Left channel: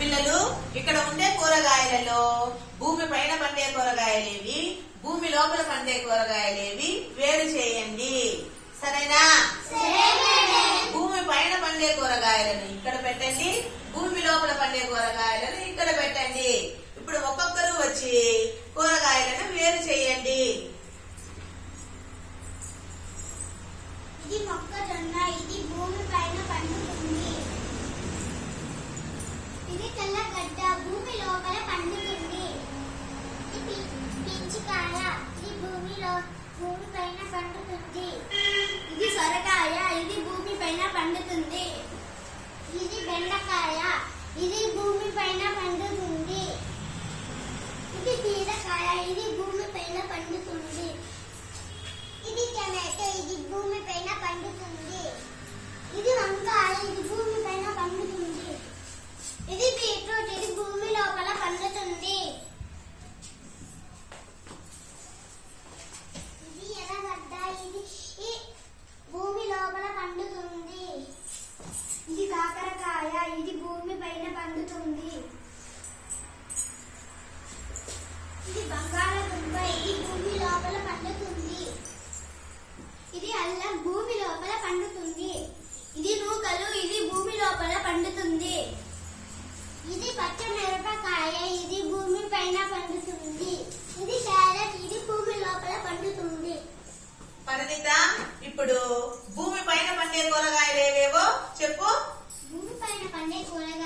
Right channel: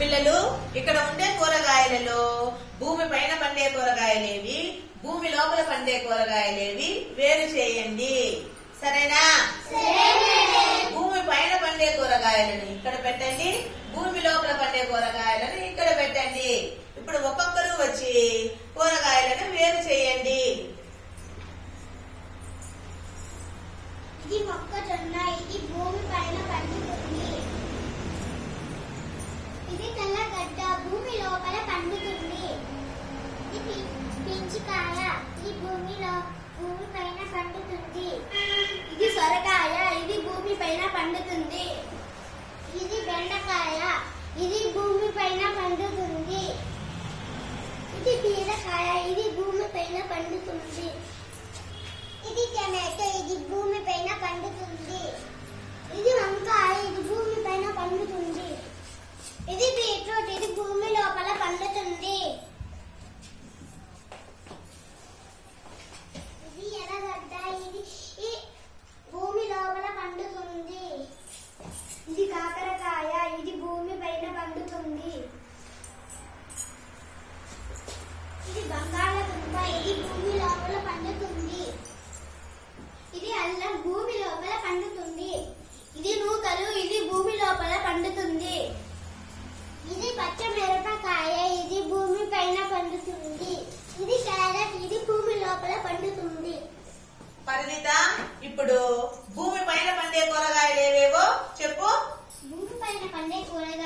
పిల్లలు ఇక్కడ ఉండే కూరగాయలలో భూమి పైన పండే కూరగాయలేవి భూమి లోపల పండే కూరగాయలేవి వేరు చేయండి. సరేనా? భూమి పైన పండే కూరగాయలను ఇక్కడ పెట్టండి భూమి లోపల పండే కూరగాయలను ఇక్కడ పెట్టండి. ఇప్పుడు ఒక్కొక్కరు వచ్చి కూరగాయలను వేరు చేయండి. ఇది మొక్కజొన్న ఇది భూమి పైన పండుతుంది ఇది తెల్లగడ్డ భూమి లోపల పండుతుంది ఇది పెంచుకాయ ఇది భూమిలో భూమి పైన పండుతుంది. ఇది సొరకాయ ఇది భూమి పైన పండుతుంది. ఇది బెండకాయ ఇది భూమి పైన పండుతుంది. ఇది బీరకాయ ఇది భూమి పైన పండుతుంది. ఇది టమాటో ఇది భూమి పైన పండుతుంది. ఇది బంగాళదుంప. ఇది భూమి లోపల పండుతుంది. ఇది అల్లం. భూమి లోపల పండుతుంది. ఇది నూకలు. ఇది భూమి లోపల పండుతుంది. ఇది పచ్చ మిరపకాయ. ఇది భూమి పైన పండుతుంది. ఇది క్యారెట్. ఇది భూమి లోపల పండుతుంది. పరిణిత ఇప్పుడు భూమి పైన పండే కూరగాయలు ఏవేవో చెప్పు. భూమి పైన పండే కూరగాయలు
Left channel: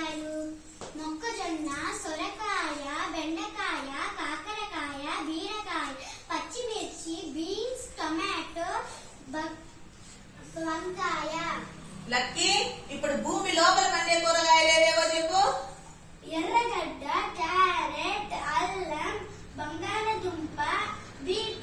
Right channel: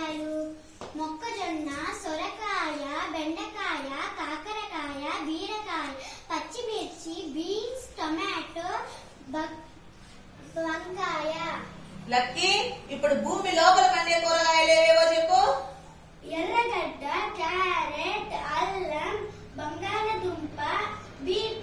టమాటో వంకాయ. లక్కీ ఇప్పుడు భూమి లోపల పండే కూరగాయలు ఏవేవో చెప్పు. ఎర్రగడ్డ క్యారెట్ అల్లం బంగాళదుంప బీట్